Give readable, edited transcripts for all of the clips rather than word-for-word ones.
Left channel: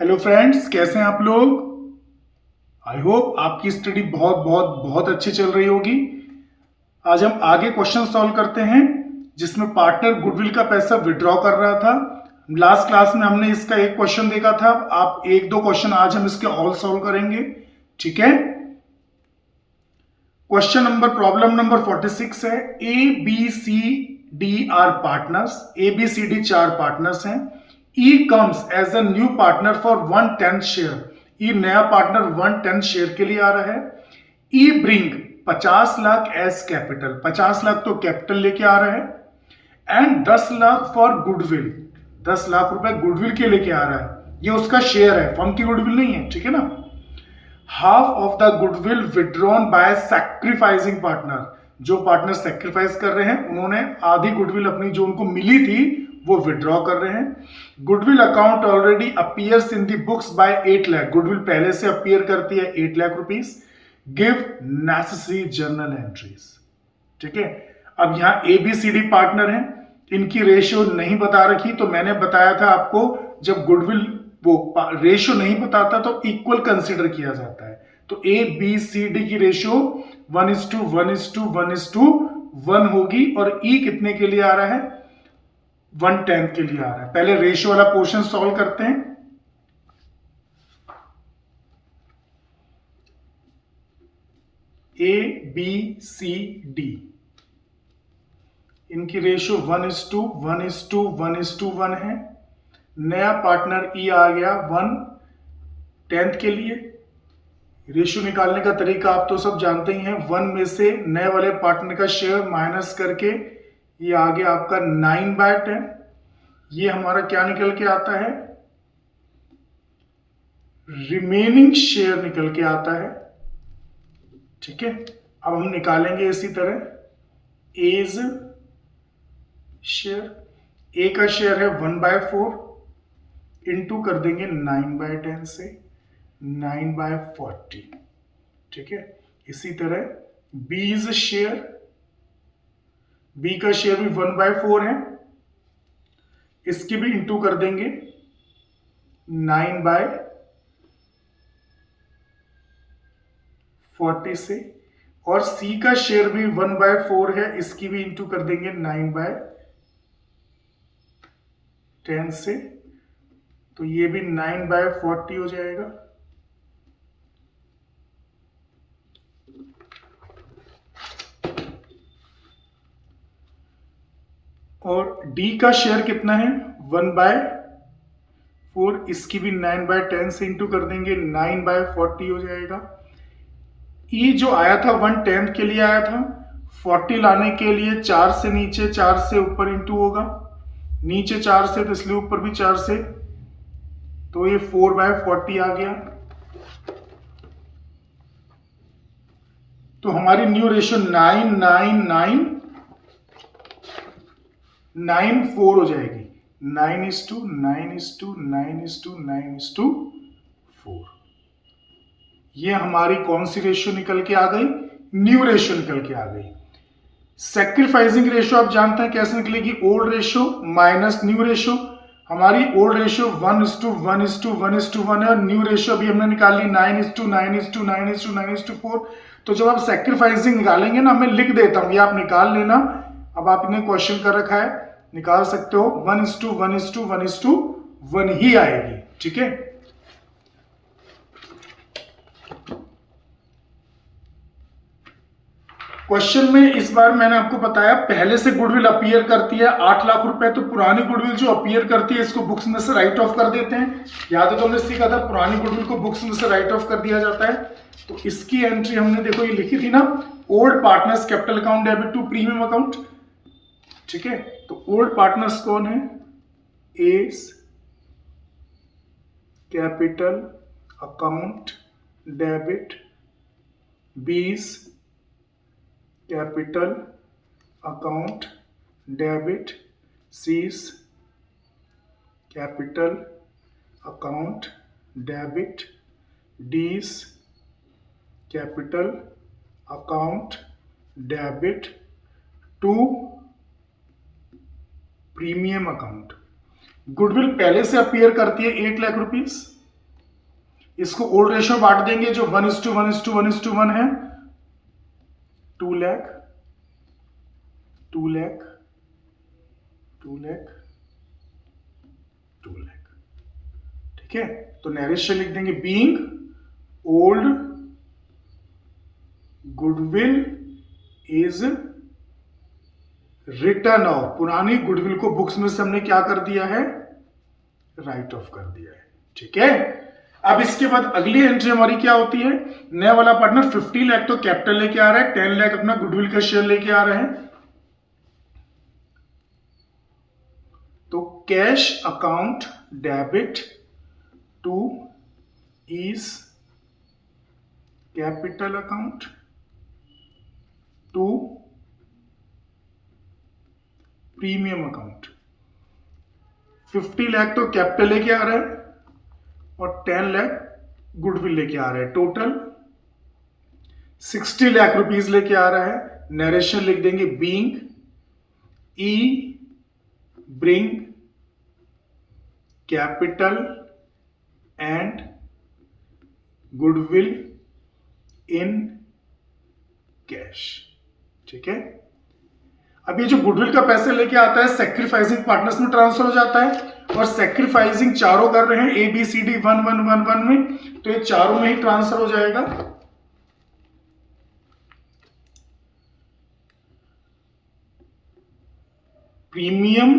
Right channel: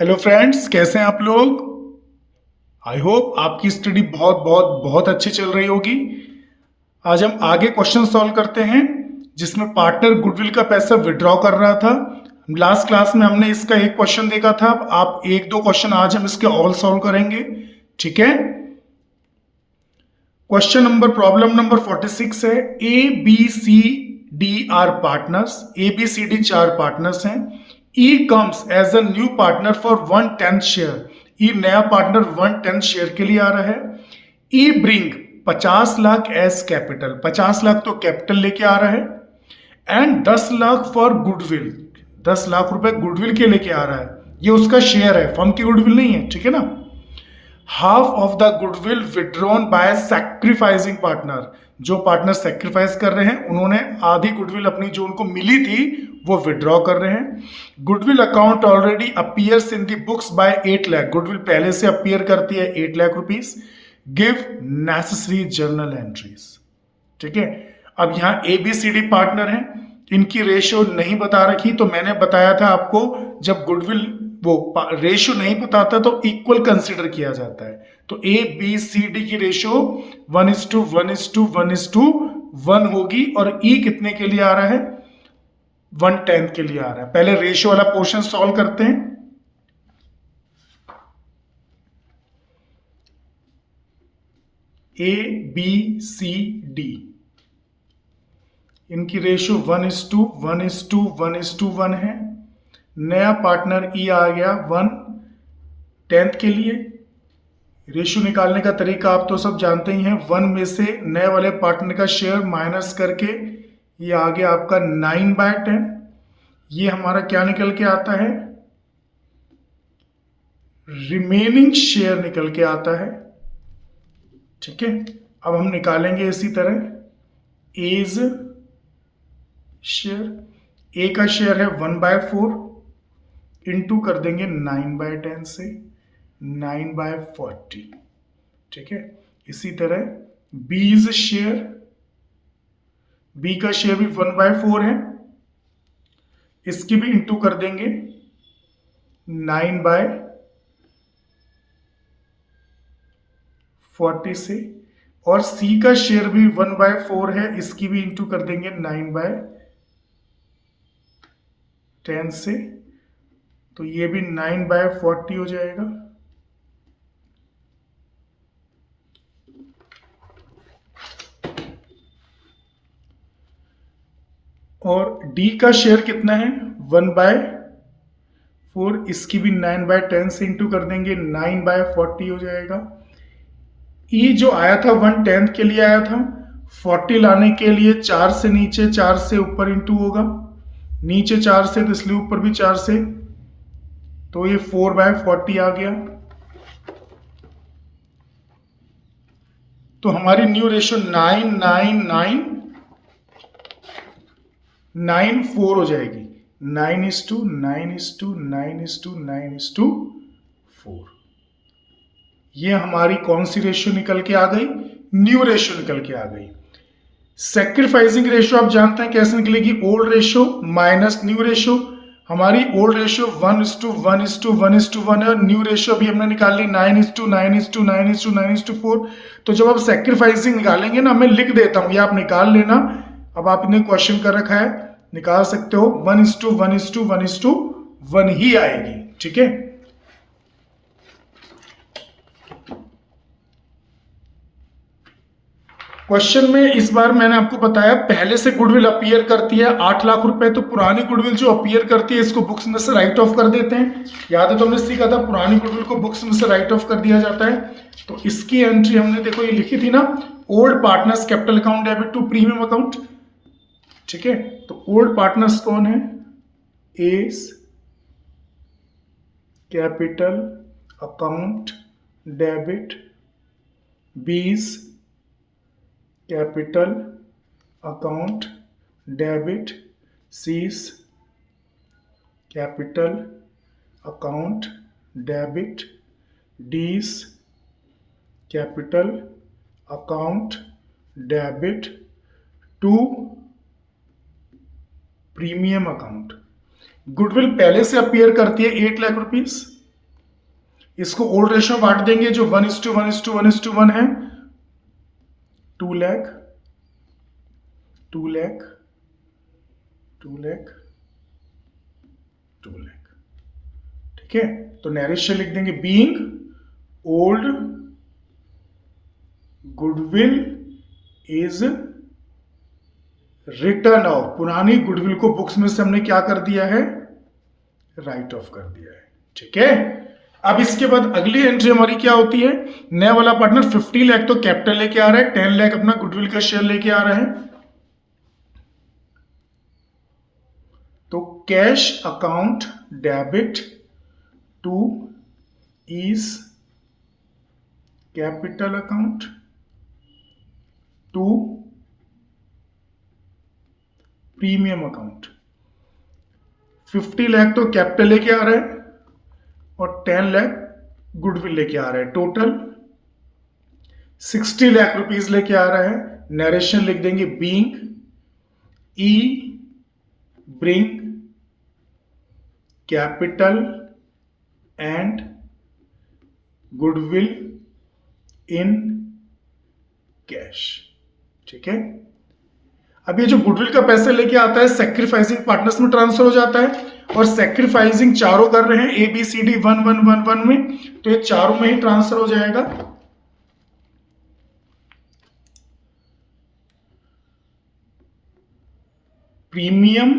Hello friends, कैसे हैं आप लोग। आई होप आपकी स्टडी बहुत बहुत बहुत अच्छी चल रही होगी। आज हम आगे क्वेश्चन सॉल्व करते हैं जिसमें पार्टनर गुडविल का पैसा विड्रॉ कर रहा था। लास्ट क्लास में हमने इसका एक क्वेश्चन देखा था। आप एक दो क्वेश्चन आज हम इसके ऑल सॉल्व करेंगे, ठीक है। क्वेश्चन नंबर प्रॉब्लम नंबर 46 है। A B C D are partners. A B C D चार पार्टनर्स हैं। E comes as a new partner for 1/10 share. E नया पार्टनर 1/10 शेयर के लिए आ रहा है। E bring 50 lakh as capital. 50 lakh तो कैपिटल लेके आ रहा है। And 10 lakh for goodwill. 10 lakh रुपए गुडविल के लेके आ रहा है। ये उसका शेयर है, फर्म की गुडविल नहीं है, ठीक है ना। Half of the goodwill withdrawn bye sacrificing partner. जो पार्टनर सैक्रिफाइस कर रहे हैं उन्होंने आधी गुडविल अपनी जो उनको मिली थी वो विड्रॉ कर रहे हैं। Goodwill account already appears in the books by 8 lakh. Goodwill पहले से अपीयर करती है 8 lakh rupees. Give necessary journal entries, ठीक है। अब यहां एबीसीडी पार्टनर हैं, इनकी रेशियो नहीं बता रखी, तो मैंने बताया था आपको जब गुडविल वो रेशियो नहीं बताता तो इक्वल कंसिडर किया जाता है। तो ए बी सी डी की रेशियो 1:1:1:1 होगी। और ई कितने के लिए आ रहा है? 1/10 के लिए आ रहा है। पहले रेशियो वाला पोर्शन सॉल्व करते हैं। ए बी सी डी, इनकी रेशियो 1:1:1:1 है। नया पार्टनर ई आ गया 1/10 के लिए। रेशियो निकालने का तरीका आप तो सब जानते ही हैं। 1 में से नए वाले पार्टनर का शेयर माइनस करके ये आ गया आपका 9/10। ये हमारा क्या निकल के आता है? रिमेनिंग शेयर निकल के आता है, ठीक है। अब हम निकालेंगे इसी तरह एज शेयर। ए का शेयर है 1/4, इंटू कर देंगे 9/10 से 9/40, ठीक है। इसी तरह बीज शेयर, बी का शेयर भी 1/4 है, इसकी भी इंटू कर देंगे 9/40 से। और सी का शेयर भी 1/4 है, इसकी भी इंटू कर देंगे 9/10 से। तो ये भी 9/40 हो जाएगा। और डी का शेयर कितना है? 1/4, इसकी भी 9/10 से इंटू कर देंगे 9/40 हो जाएगा। ई जो आया था 1/10 के लिए आया था, 40 लाने के लिए 4 से नीचे 4 से ऊपर इंटू होगा, नीचे 4 से तो इसलिए ऊपर भी 4 से, तो ये 4/40 आ गया। तो हमारी न्यू रेशियो 9:9:9:4 हो जाएगी। 9:9:9:9:4। ये हमारी कौन सी रेशियो निकल के आ गई? न्यू रेशियो निकल के आ गई। सैक्रिफाइसिंग रेशियो आप जानते हैं कैसे निकलेगी? Old ratio minus new ratio. हमारी ओल्ड रेशियो 1:1:1:1 है और न्यू रेशियो अभी हमने निकाल ली 9:9:9:9:4। तो जब आप सैक्रिफाइसिंग निकालेंगे ना, मैं लिख देता हूं, ये आप निकाल लेना। अब आपने क्वेश्चन कर रखा है, निकाल सकते हो। 1:1:1:1 ही आएगी, ठीक है। क्वेश्चन में इस बार मैंने आपको बताया पहले से गुडविल अपीयर करती है 8 लाख रुपए, तो पुरानी गुडविल जो अपीयर करती है इसको बुक्स में से राइट ऑफ कर देते हैं। याद है तो हमने सीखा था पुरानी गुडविल को बुक्स में से राइट ऑफ कर दिया जाता है। तो इसकी एंट्री हमने देखो ये लिखी थी ना, old partners capital account debit to premium account, ठीक है। तो ओल्ड पार्टनर्स कौन है? A's capital account debit, B's capital account debit, C's capital account debit, D's capital account debit to premium account. Goodwill पहले से अपीयर करती है 8 lakh rupees, इसको ओल्ड रेशियो बांट देंगे जो 1:1:1:1 है। 2 लाख, 2 लाख, 2 लाख, 2 लाख। ठीक है, तो नैरेशन लिख देंगे being old goodwill is return of. पुरानी गुडविल को बुक्स में से हमने क्या कर दिया है, राइट ऑफ कर दिया है। ठीक है, अब इसके बाद अगली एंट्री हमारी क्या होती है, नया वाला पार्टनर 50 लाख तो कैपिटल लेके आ रहा है, 10 लाख अपना गुडविल का शेयर लेके आ रहे हैं। तो cash account debit to E's capital account to premium account. 50 lakh तो कैपिटल लेके आ रहा है और 10 लाख गुडविल लेके आ रहा है, टोटल 60 लाख रुपीस लेके आ रहा है। नरेशन लिख देंगे being E bring capital and goodwill in cash. ठीक है, अब ये जो गुडविल का पैसे लेके आता है सैक्रिफाइसिंग पार्टनर्स में ट्रांसफर हो जाता है, और सैक्रिफाइसिंग चारों कर रहे हैं ABCD 1:1:1:1 में, तो ये चारों में ही ट्रांसफर हो जाएगा। Premium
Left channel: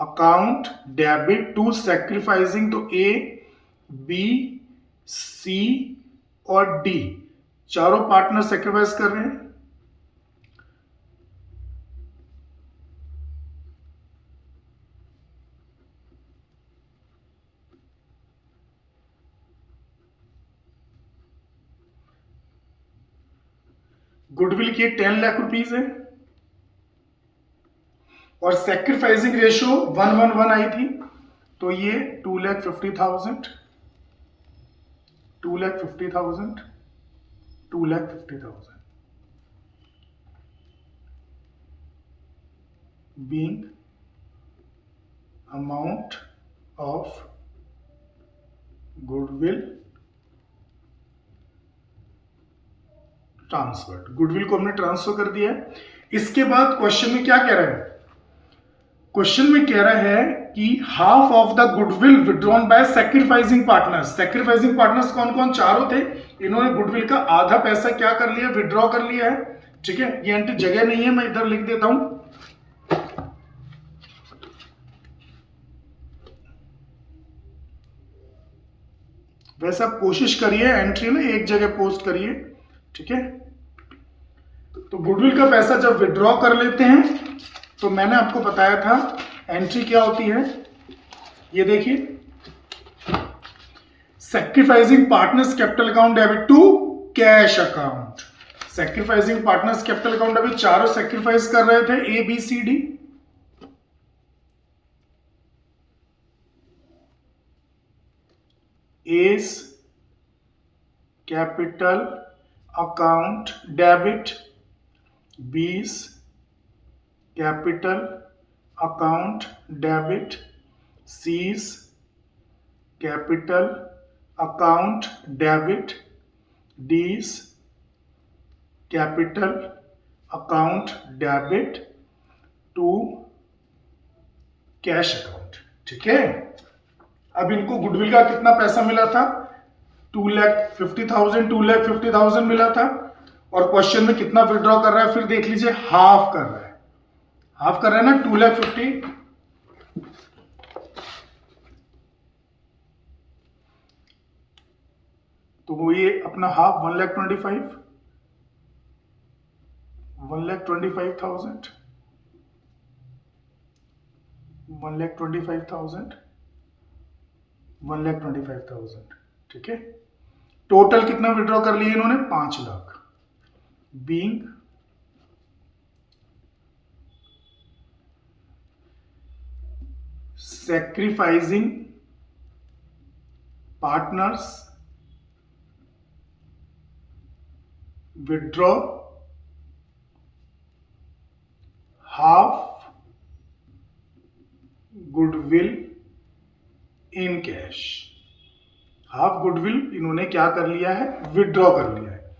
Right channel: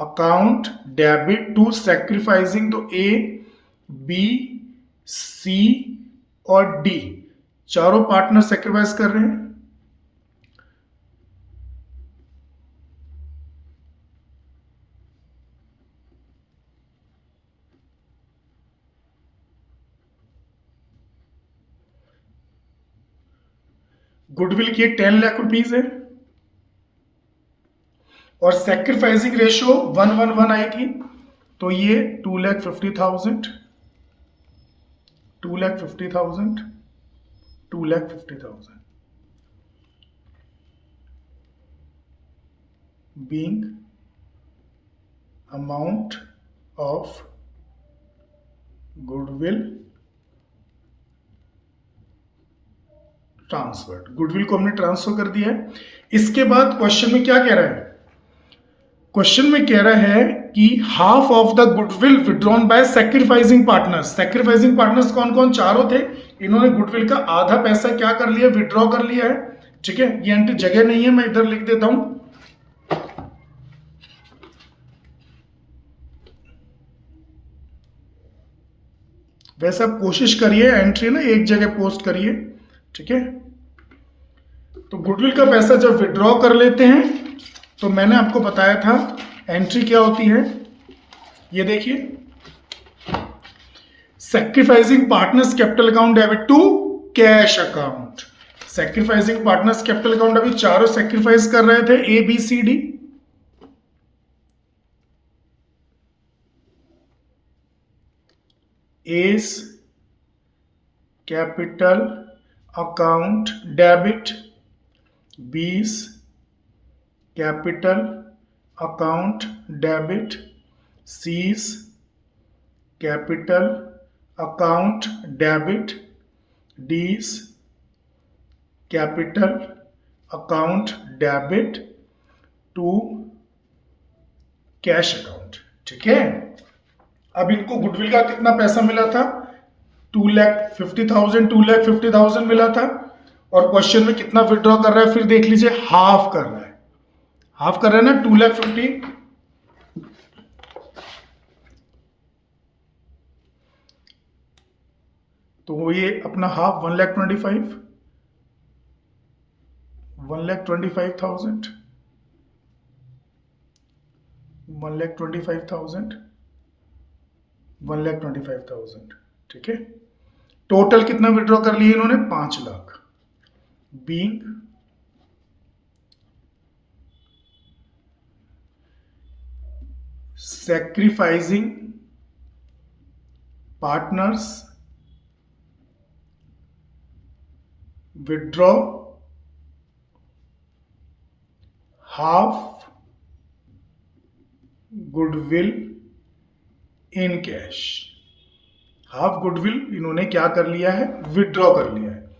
account debit to sacrificing, तो A B C और D चारों पार्टनर सैक्रिफाइस कर रहे हैं। गुडविल की 10 लाख रुपीस है और सैक्रिफाइसिंग रेशियो 1:1:1 आई थी, तो ये 2,50,000, 2,50,000, 2,50,000 being amount of goodwill transfer. Goodwill को हमने ट्रांसफर कर दिया है। इसके बाद क्वेश्चन में क्या कह रहा है, क्वेश्चन में कह रहा है कि half of the goodwill withdrawn bye sacrificing partners. Sacrificing partners कौन कौन, चारों थे। इन्होंने गुडविल का आधा पैसा क्या कर लिया, विड्रॉ कर लिया है। ठीक है, ये एंट्री जगह नहीं है, मैं इधर लिख देता हूं। वैसे आप कोशिश करिए एंट्री ना एक जगह पोस्ट करिए। ठीक है, तो गुडविल का पैसा जब विड्रॉ कर लेते हैं तो मैंने आपको बताया था एंट्री क्या होती है, ये देखिए, sacrificing partners capital account debit to cash account. Sacrificing partners capital account, अभी चारों सैक्रिफाइस कर रहे थे ABCD, A's capital account debit, B's capital account debit, C's capital account debit, D's capital account debit to cash account. ठीक है, अब इनको goodwill का कितना पैसा मिला था, 2,50,000, 2,50,000 मिला था, और क्वेश्चन में कितना विड्रॉ कर रहा है, फिर देख लीजिए हाफ कर रहा है, हाफ कर रहा है ना 2,50,000। तो वो ये अपना हाफ 1,25,000, 1,25,000, 1,25,000, 1,25,000। ठीक है, टोटल कितना विड्रॉ कर लिए इन्होंने, 5 lakh. Being sacrificing partners withdraw half goodwill in cash. Half goodwill इन्होंने क्या कर लिया है, विड्रॉ कर लिया है।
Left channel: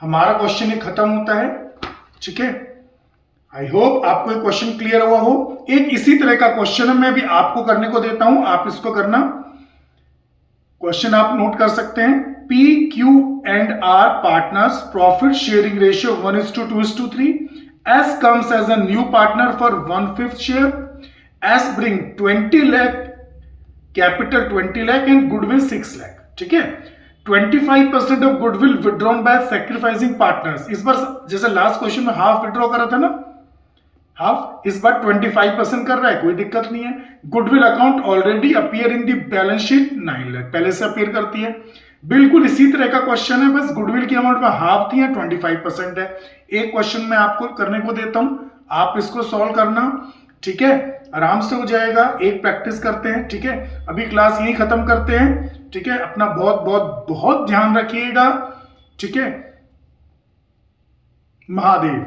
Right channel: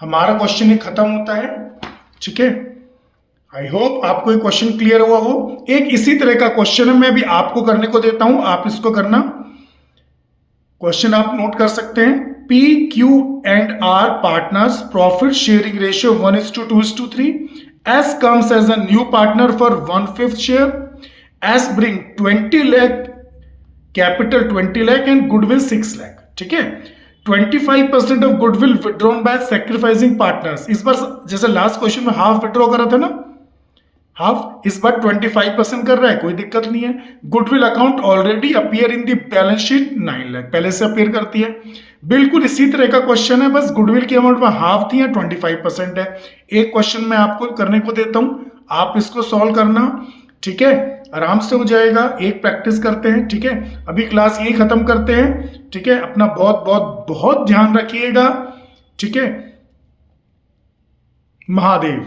हमारा क्वेश्चन ये खत्म होता है। ठीक है, आई होप आपको ये क्वेश्चन क्लियर हुआ हो। एक इसी तरह का क्वेश्चन मैं भी आपको करने को देता हूं, आप इसको करना। क्वेश्चन आप नोट कर सकते हैं। P, Q and R partners profit sharing ratio 1:2:3. S comes as a new partner for 1/5 share. S bring 20 lakh capital 20 lakh and goodwill 6 lakh. ठीक है, 25% of goodwill withdrawn bye sacrificing partners. इस बार जैसे last question में half withdraw करा था ना, half, इस बार 25% कर रहा है, कोई दिक्कत नहीं है। Goodwill account already appear in the balance sheet 9 lakh, पहले से अपीयर करती है। बिल्कुल इसी तरह का क्वेश्चन है, बस गुडविल की अमाउंट में हाफ थी, 25% है। एक क्वेश्चन मैं आपको करने को देता हूं, आप इसको सॉल्व करना। ठीक है, आराम से हो जाएगा। एक प्रैक्टिस करते हैं। ठीक है, अभी क्लास यही खत्म करते हैं। ठीक है, अपना बहुत बहुत बहुत ध्यान रखिएगा। ठीक है, महादेव।